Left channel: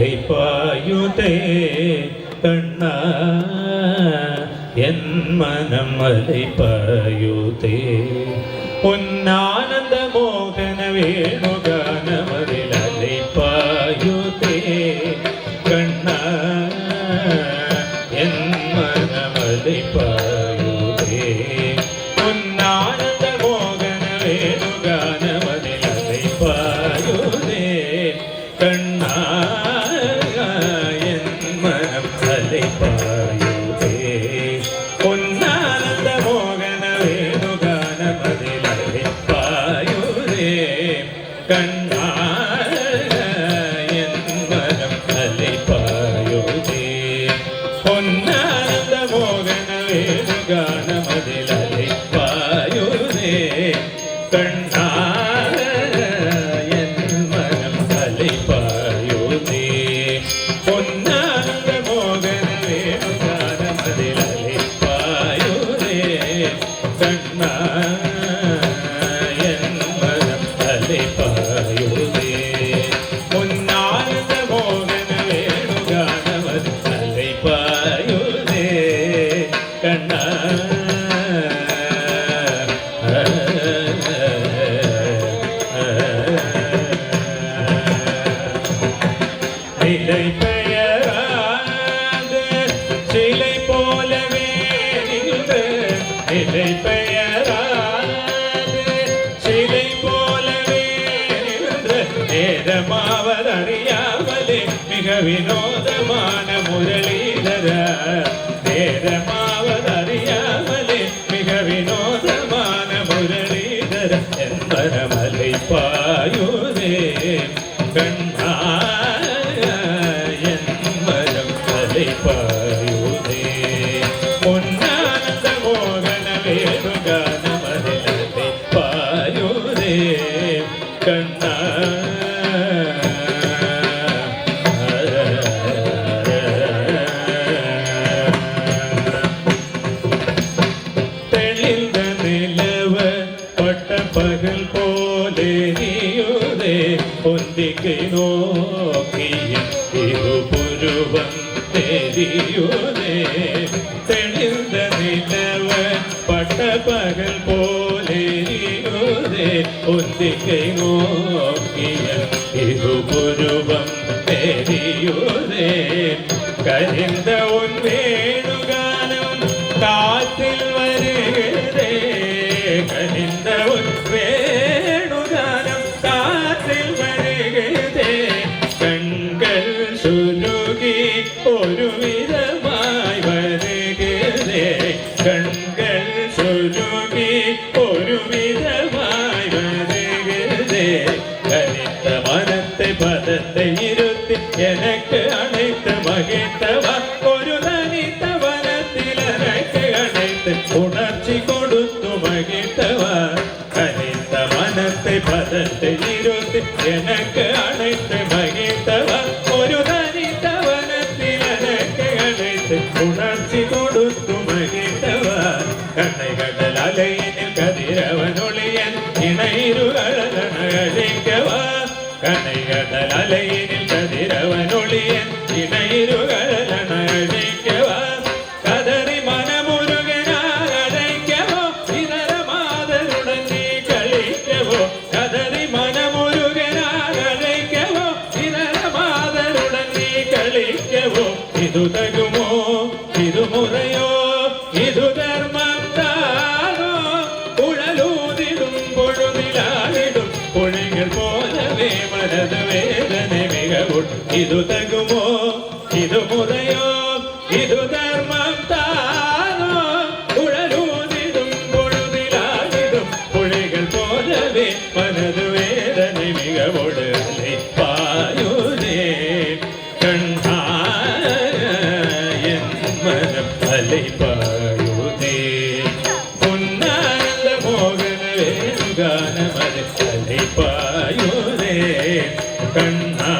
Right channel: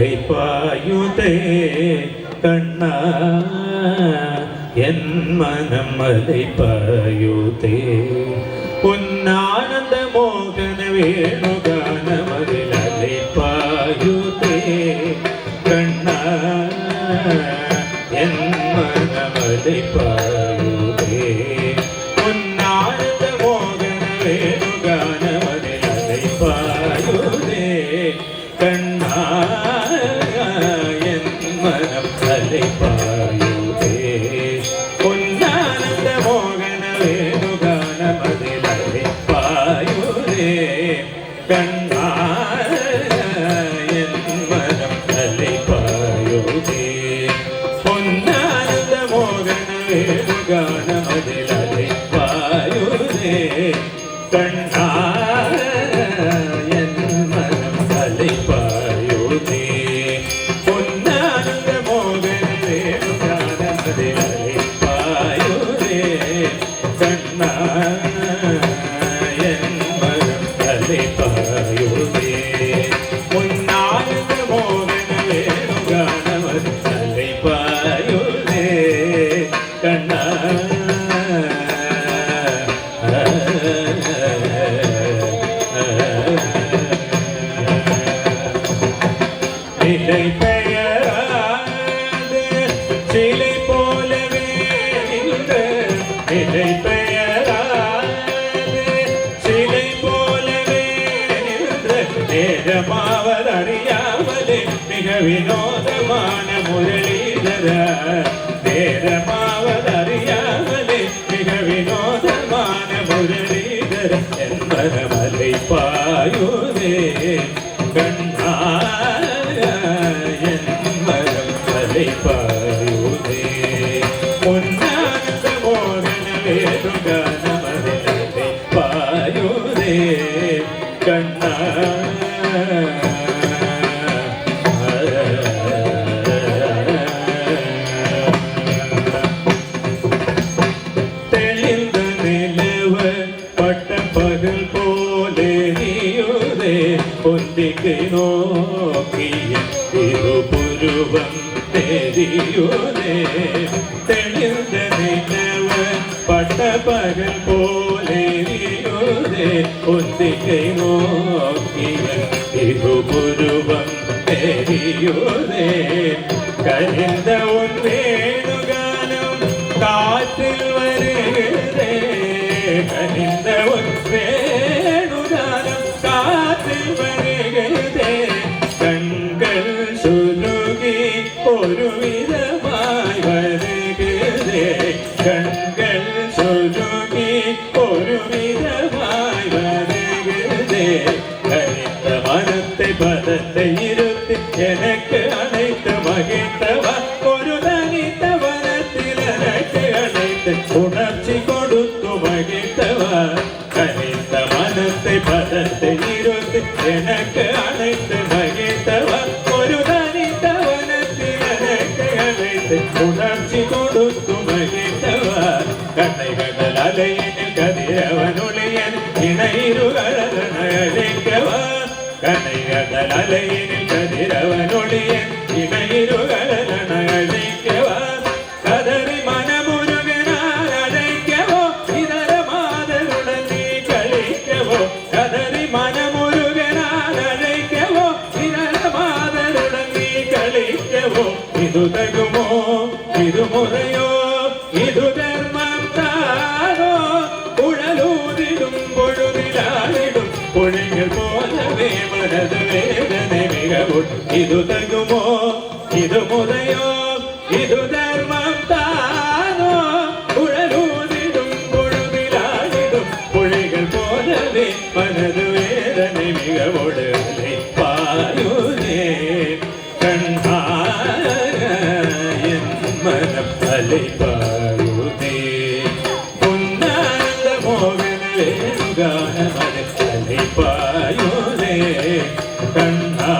அலைபாயுதே கண்ணா என் மனம் அலைபாயுதே பொன்னானந்த மோகன வேணுகானமதில் அலைபாயுதே கண்ணா என் மனம் அலைபாயுதே பொன்னானந்த மோகன வேணுகானமதில் அலைபாயுதே கண்ணா என் மனம் அலைபாயுதே பொன்னானந்த மோகன வேணுகானமதில் அலைபாயுதே கண்ணா என் மனம் அலைபாயுதே பொன்னானந்த மோகன வேணுகானமதில் அலைபாயுதே கண்ணா நிலை பெயராது சிலை போலவே நின்று நிலை பெயராது சிலை போலவே நின்று நேரமாவதறியாமலே மிக வினோதமான முரளிதர நேரமாவதறியாமலே மிக வினோதமான முரளிதர என்பரமலை பாயுதே கண்ணா பாயுதே பொன்னானந்த மோகன வேணுகானமதில் பாயுதே கண்ணா தெளிந்த நிலவ பட்ட பகல் போலே நீயுதே பொந்திக்கை நோக்கிய திருபுருவம் தெரியுதே தெளிந்த நிலவ பட்ட பகல் போலேயுதே ஒத்திகை நோக்கிய திருபுருவம் தெரியுதே கரிந்த உன் வேணுகானம் காற்றில் வருகிறதே கரிந்த உன் வேணுகானம் காற்றில் வருகிறதே கண்கள் சுருகி ஒரு விதமாய் வருகிறதே கண்கள் சுருகி ஒரு விதமாய் வருகிறதே கனித்த மனத்தை பதத்தை இருத்தி எனக்கு அனைத்து மகிழ்த்தவா ஒரு தனித்த வனத்தில் எனக்கு அனைத்து உணர்ச்சி கொடுத்து மகிழ்த்தவா கனித்த மனத்தை பதத்தை இருத்தி எனக்கு அனைத்து மகிழ்த்தவா ஒரு தனித்த வனத்தில் எனக்கு அனைத்து உணர்ச்சி கொடுத்து மகிழ்த்தவா கண்ணைகள் அலையினில் கதிரவனொளியன் இணைருகழகழிக்கவா கண்ணைகள் அலையினில் கதிரவனொளியன் இணைருகழகழிக்கவா கதறி மனமுருகனார் அழைக்கவோ இதர மாதருடன் நீ கழிக்கவோ கதறி மனமுருகனார் அழைக்கவோ இதர மாதருடன் நீ கழிக்கவோ இது தகுமோ இது முறையோ இது தர்மம் தானோ உழலூதிடும் பொழுதிலாடிடும் பொழிகள் போலவே மனது வேதனை மிகவும் இது தகுமோ இது முறையோ இது தர்மம் தானோ உழலூதிடும் பொழுதிலாடிடும் பொழிகள் போலவே மனது வேதனை மிகவுடலை பாயுதே கண்ணா என் மனம் அலைபாயுதே பொன்னானந்த மோகன வேணுகானமதில் அலைபாயுதே கண்ணா